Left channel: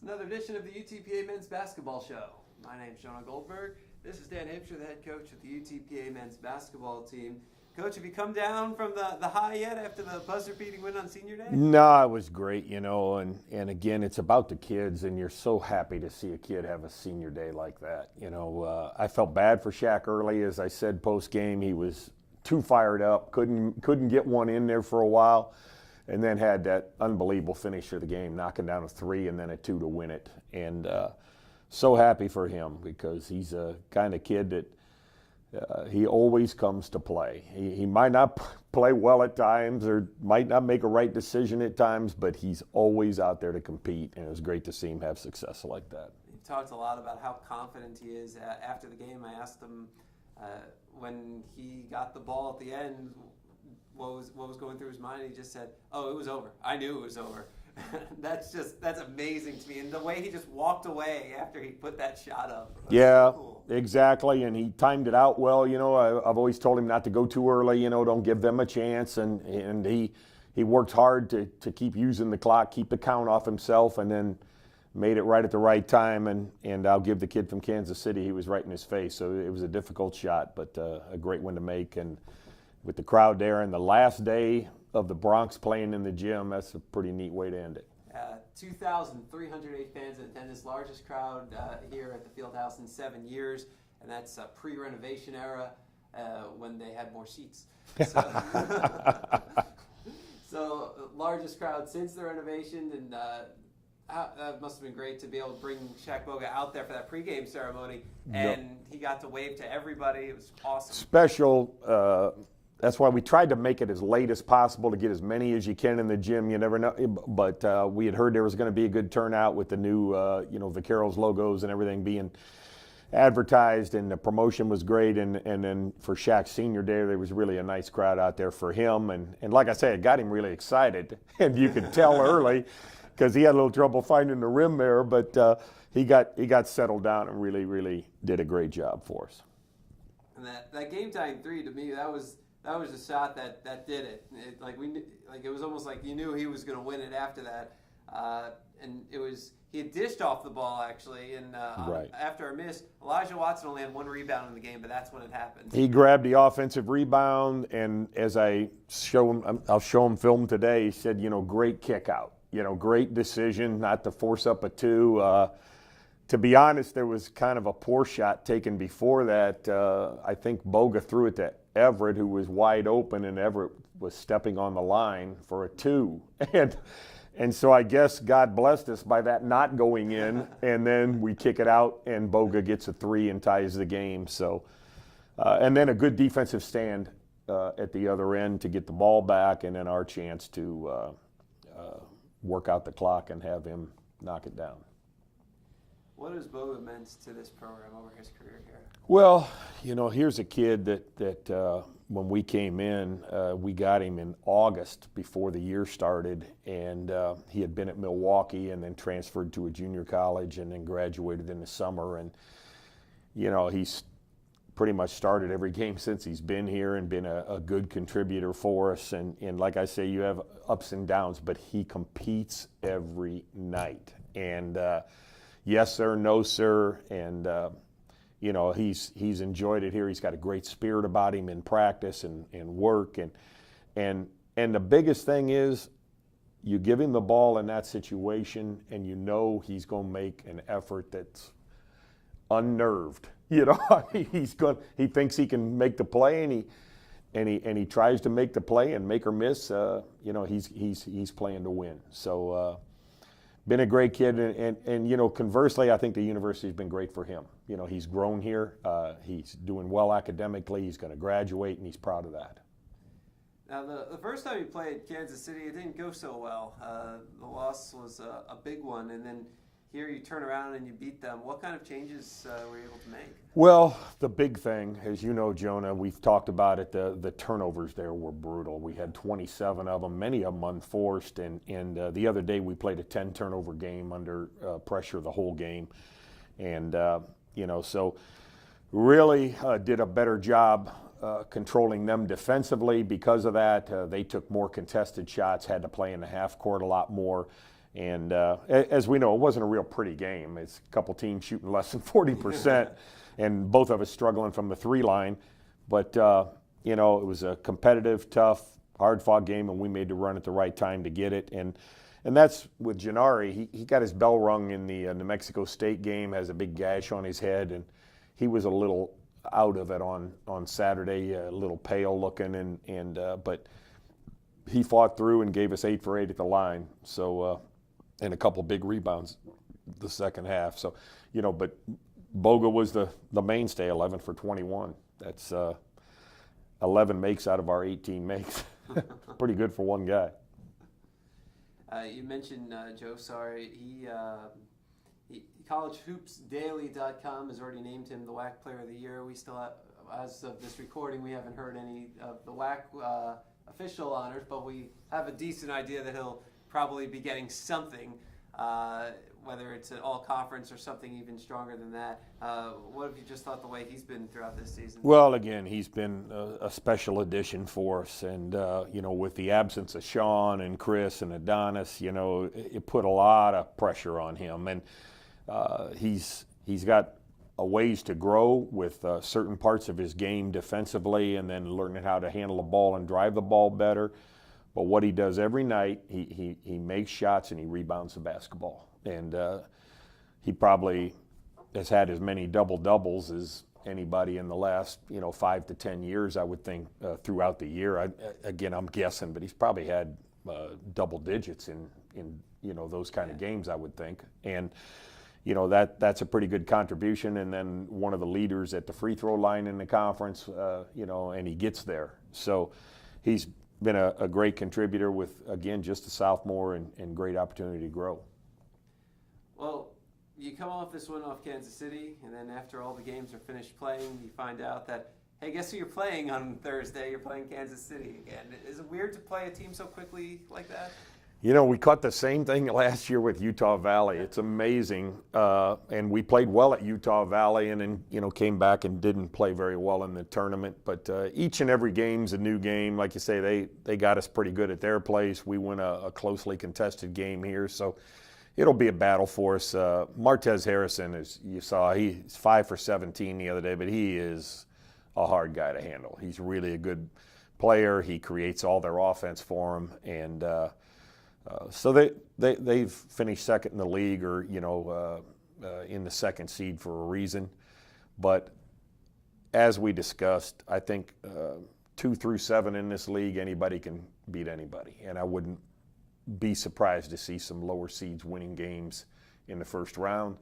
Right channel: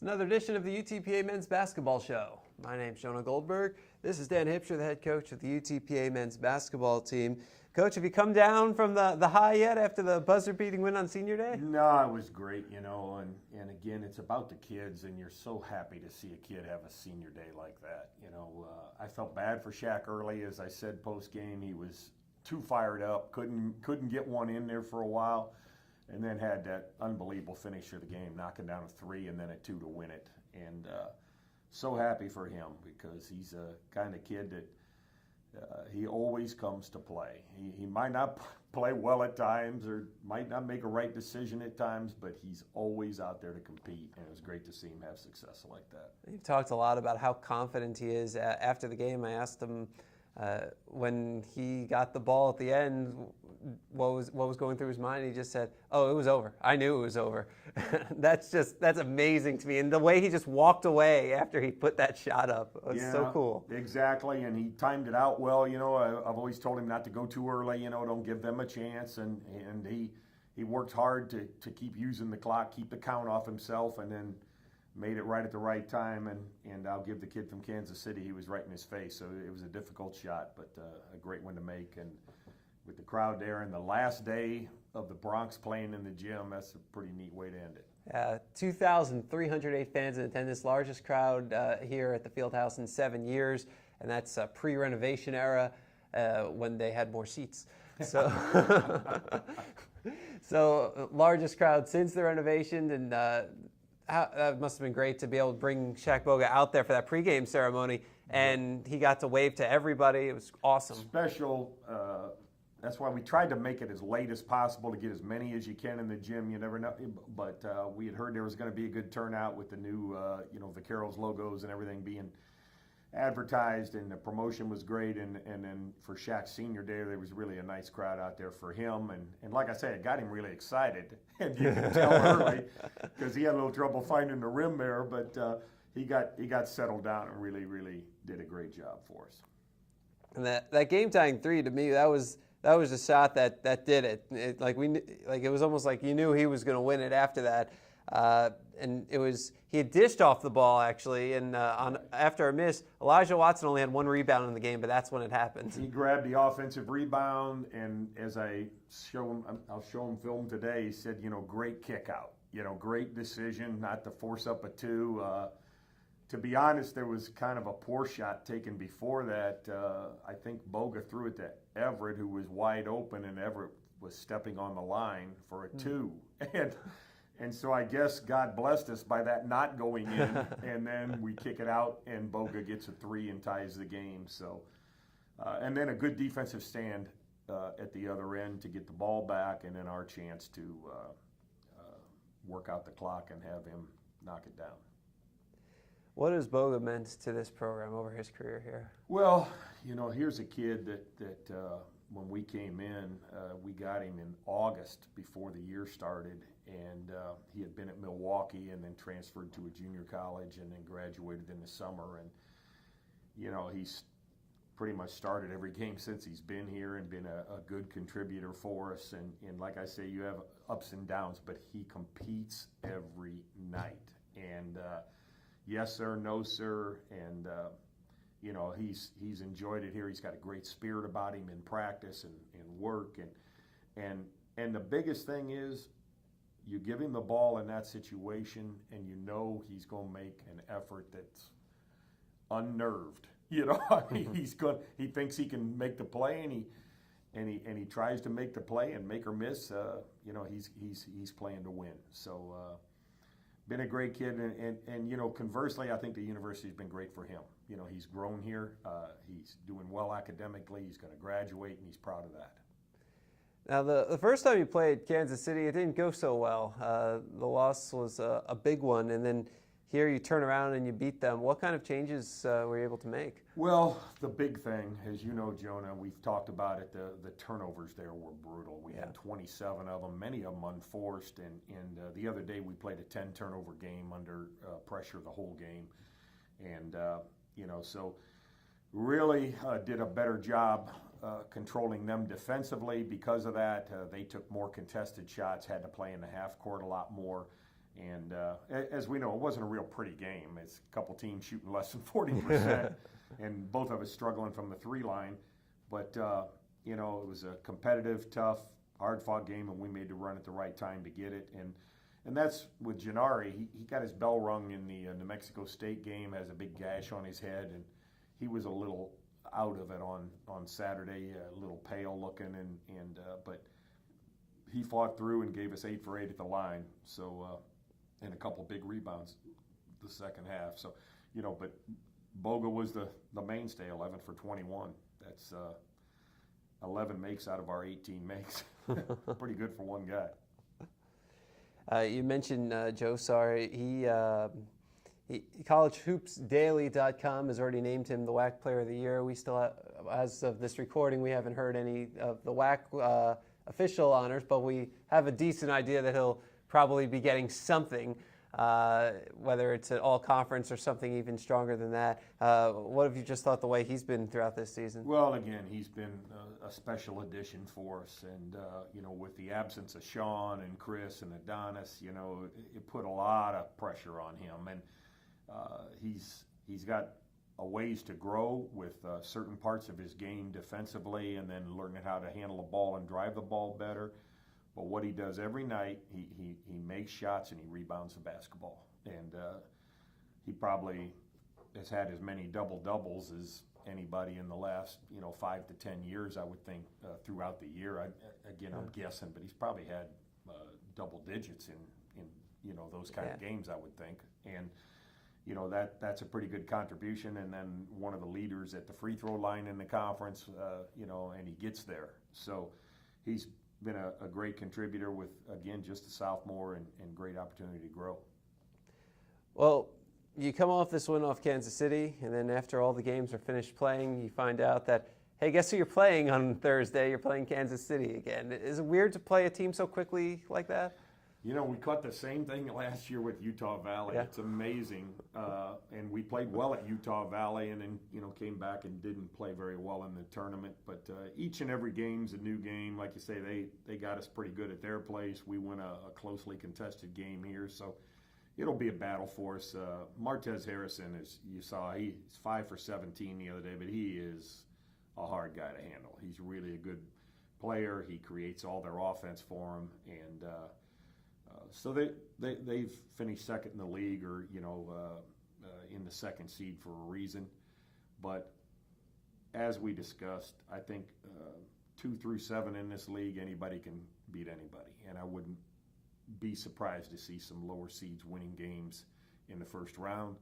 It's another edition of the UTPA Men's Basketball Show. My name's Jonah Goldberg. This is Dan Hipsher, the head coach of the UTPA Men's Basketball team. Coach, have you come down from the high yet after the buzzer-beating win on Senior Day? No, it was great, and again, it's about the kids, and you're so happy to see a kid have a Senior Day like that. I felt bad for Shaq early. As I said post-game, he was too fired up, couldn't get one in there for a while, and then had that unbelievable finish of the game, knocking down a three and then a two to win it. And so happy for him because he's a kind of kid that he always comes to play. He might not play well at times or might not make a right decision at times, but he's always out there to compete, and it was great to see him have success like that. You've talked a lot about how confident he is. After the game, I asked him when he got the ball at the end, what was going through his mind. He just said, "Oh, it was over. I knew it was over." That's amazing to me. And the way he just walked away after he put that shot up was so cool. Exactly. And he timed it out well. I've always told him not to go too early. Don't give them a chance. And he worked hard to keep using the clock, keep the count off himself, and then made it right at the right time. And I'll give the kid from Kansas City, he was right in his face. So it was a difficult shot, but a great one to make. And with the crowd there, and the last day of the Bronx playing in the gym, that's a pretty neat way to end it. 2,308 fans in attendance, largest crowd here at the Fieldhouse in 7 years, and that's pre-renovation era when they had more seats. So largest crowd since the renovation, and that must have been great to be able to bring Shaq Boga out there for that pregame ceremony, and he got to wave to everybody. It was awesome. Special. That's why we tried to make it as late as possible to get as many as you can in the gym. You never know. But we had heard there was going to be a good turnout with the new, Vaqueros logos and everything being advertised, and the promotion was great. And then for Shaq's Senior Day, there was really a nice crowd out there for him. And like I said, it got him really excited. And you could tell early because he had a little trouble finding the rim there. But he got settled down and really, really did a great job for us. And that game-tying three, to me, that was a shot that did it. It was almost like you knew he was going to win it after that. And he had dished off the ball actually, and after a miss, Elijah Watson only had one rebound in the game, but that's when it happened. He grabbed the offensive rebound, and as I'll show him film today. He said, great kick out, great decision not to force up a two. To be honest, there was kind of a poor shot taken before that. I think Boga threw it to Everett, who was wide open, and Everett was stepping on the line for a two. And so I guess God blessed us by that not going in, and then we kick it out, and Boga gets a three and ties the game. So, and then a good defensive stand at the other end to get the ball back, and then our chance to work out the clock and have him knock it down. What has Boga meant to this program over his career here? Well, here's a kid that when we came in, we got him in August before the year started, and he had been at Milwaukee and then transferred to a junior college and then graduated in the summer. And, he's pretty much started every game since he's been here and been a good contributor for us. And like I say, you have ups and downs, but he competes every night. And yes, sir, no, sir, and he's enjoyed it here. He's got a great spirit about him in practice and work, and the biggest thing is you give him the ball in that situation, and he's going to make an effort that's unnerved. He thinks he can make the play, and he tries to make the play and make or miss. He's playing to win. So. Been a great kid, and conversely, I think the university's been great for him. He's grown here. He's doing well academically. He's going to graduate, and he's proud of that. Now, the first time you played Kansas City, it didn't go so well. The loss was a big one, and then here you turn around and you beat them. What kind of changes were you able to make? Well, the big thing, as you know, Jonah, we've talked about it, the turnovers there were brutal. We had 27 of them, many of them unforced, and the other day we played a 10-turnover game under pressure the whole game. And, so really did a better job controlling them defensively because of that. They took more contested shots, had to play in the half court a lot more. And as we know, it wasn't a real pretty game. It's a couple teams shooting less than 40%, and both of us struggling from the 3 line. But, it was a competitive, tough, hard-fought game, and we made the run at the right time to get it. And that's with Gennari. He got his bell rung in the New Mexico State game, has a big gash on his head, and he was a little out of it on Saturday, a little pale looking, but he fought through and gave us 8 for 8 at the line. So, and a couple big rebounds the second half. So, but Boga was the mainstay, 11 for 21. That's 11 makes out of our 18 makes. Pretty good for one guy. You mentioned Joe Sarr. CollegeHoopsDaily.com has already named him the WAC Player of the Year. We still have, as of this recording, we haven't heard any of the WAC official honors, but we have a decent idea that he'll probably be getting something, whether it's an all-conference or something even stronger than that. What have you just thought the way he's been throughout this season? Well, again, he's been a special addition for us, and with the absence of Sean and Chris and Adonis, it put a lot of pressure on him, and he's got a ways to grow with certain parts of his game defensively, and then learning how to handle the ball and drive the ball better. But what he does every night, he makes shots and he rebounds the basketball. And he probably has had as many double-doubles as anybody in the last 5 to 10 years, I would think, throughout the year. Again, I'm guessing, but he's probably had double digits in those kind of games, I would think. And that's a pretty good contribution. And then one of the leaders at the free throw line in the conference, and he gets there. So he's been a great contributor with, again, just a sophomore and great opportunity to grow. Well, you come off this win off Kansas City, and then after all the games are finished playing, you find out that, hey, guess who you're playing on Thursday? You're playing Kansas City again. Is it weird to play a team so quickly like that? We caught the same thing last year with Utah Valley. Yeah. It's amazing. And we played well at Utah Valley and then, came back and didn't play very well in the tournament. But each and every game's a new game. Like you say, they got us pretty good at their place. We win a closely contested game here. So it'll be a battle for us. Martez Harrison, as you saw, he's 5 for 17 the other day, but he is a hard guy to handle. He's really a good player. He creates all their offense for him. And so they've finished second in the league, or in the second seed for a reason. But as we discussed, I think 2 through 7 in this league, anybody can beat anybody, and I wouldn't be surprised to see some lower seeds winning games in the first round.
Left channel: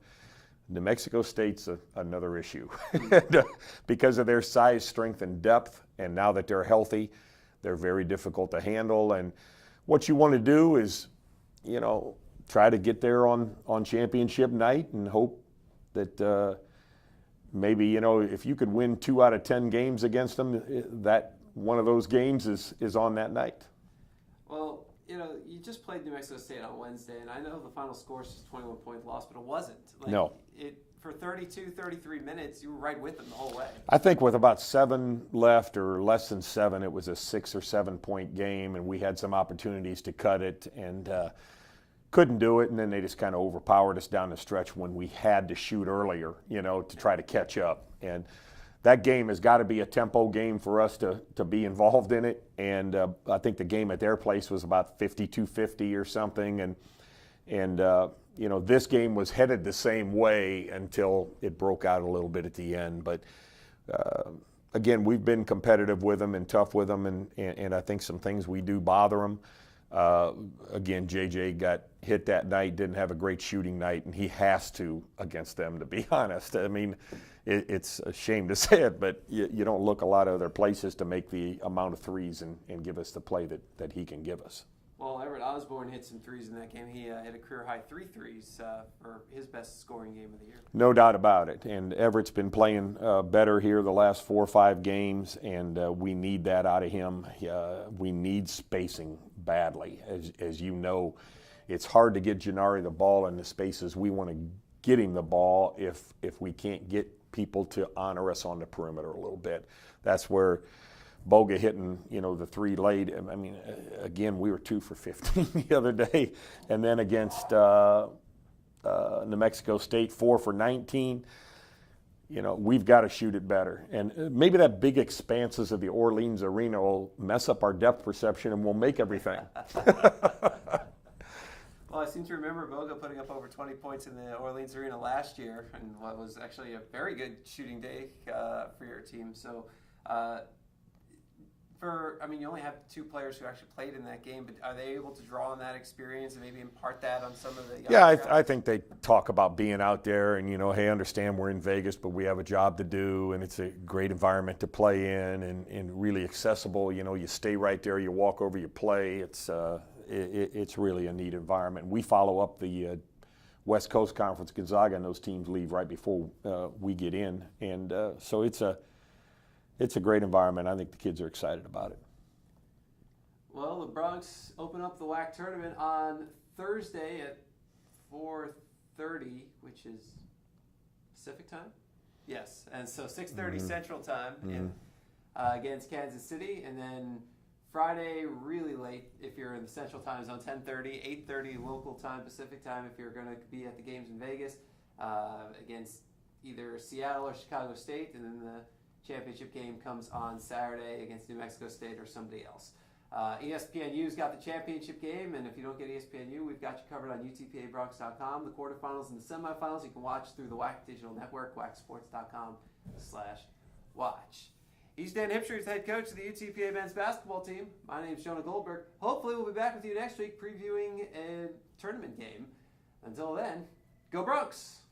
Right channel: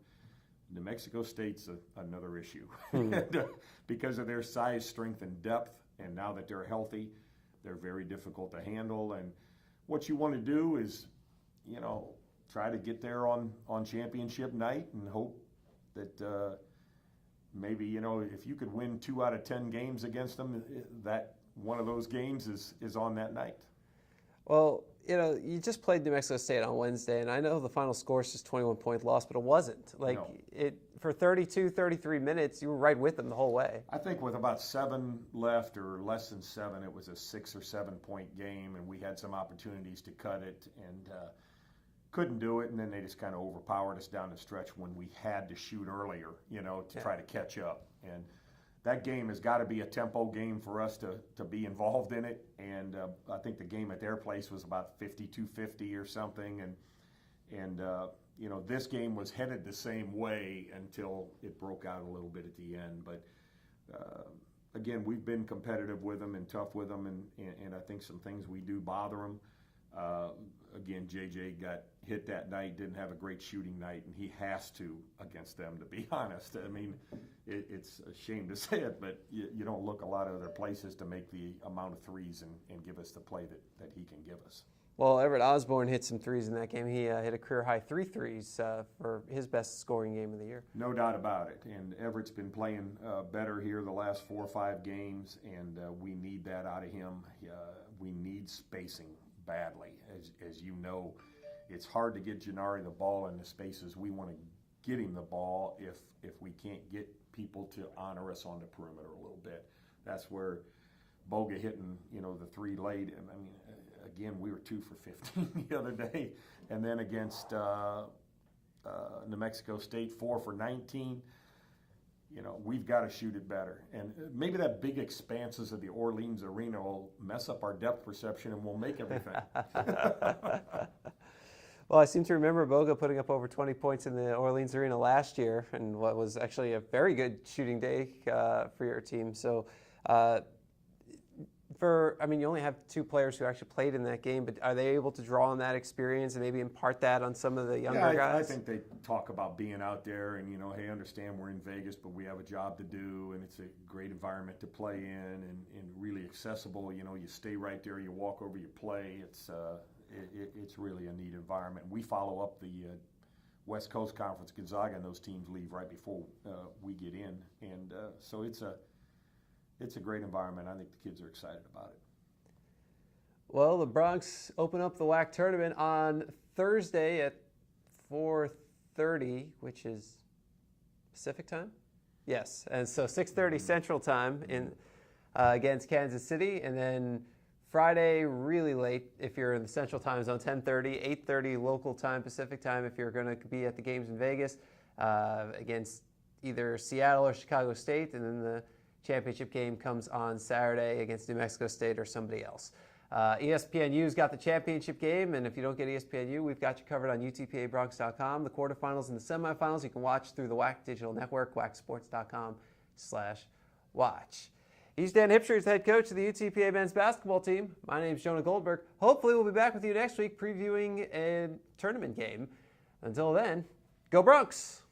New Mexico State's another issue because of their size, strength, and depth. And now that they're healthy, they're very difficult to handle. And what you want to do is, try to get there on championship night and hope that maybe, if you could win 2 out of 10 games against them, that one of those games is on that night. Well, you just played New Mexico State on Wednesday, and I know the final score is just 21-point loss, but it wasn't. No. For 32, 33 minutes, you were right with them the whole way. I think with about 7 left, or less than 7, it was a 6 or 7 point game, and we had some opportunities to cut it and couldn't do it. And then they just kind of overpowered us down the stretch when we had to shoot earlier, to try to catch up. And that game has got to be a tempo game for us to be involved in it. And I think the game at their place was about 52-50 or something. And this game was headed the same way until it broke out a little bit at the end. But again, we've been competitive with them and tough with them, and I think some things we do bother them. Again, JJ got hit that night, didn't have a great shooting night, and he has to against them, to be honest. I mean, it's a shame to say it, but you don't look a lot of other places to make the amount of threes and give us the play that he can give us. Well, Everett Osborne hit some threes in that game. He hit a career-high 3 threes for his best scoring game of the year. No doubt about it. And Everett's been playing better here the last 4 or 5 games, and we need that out of him. We need spacing badly. As you know, it's hard to get Gennari the ball in the spaces we want to get him the ball if we can't get people to honor us on the perimeter a little bit. That's where Boga hitting, the 3 late. I mean, again, we were 2 for 15 the other day. And then against New Mexico State, 4 for 19. We've got to shoot it better. And maybe that big expanses of the Orleans Arena will mess up our depth perception and we'll make everything. Well, I seem to remember Boga putting up over 20 points in the Orleans Arena last year, and what was actually a very good shooting day for your team. So, you only have 2 players who actually played in that game, but are they able to draw on that experience and maybe impart that on some of the younger guys? I think they talk about being out there and, hey, understand we're in Vegas, but we have a job to do, and it's a great environment to play in and really accessible. You stay right there, you walk over, you play. It's really a neat environment. We follow up the West Coast Conference. Gonzaga and those teams leave right before we get in, and so it's a great environment. I think the kids are excited about it. Well, the Broncs open up the WAC tournament on Thursday at 4:30, which is Pacific time. Yes, and so 6:30 Central time in against Kansas City, and then Friday, really late if you're in the Central Time Zone, 10:30, 8:30 local time, Pacific time if you're going to be at the games in Vegas against either Seattle or Chicago State, and then the championship game comes on Saturday against New Mexico State or somebody else. ESPNU's got the championship game, and if you don't get ESPNU, we've got you covered on UTPABronx.com. The quarterfinals and the semifinals you can watch through the WAC Digital Network, WACsports.com/watch. He's Dan Hipsher, he's head coach of the UTPA men's basketball team. My name's Jonah Goldberg. Hopefully we'll be back with you next week previewing a tournament game. Until then, go Bronx!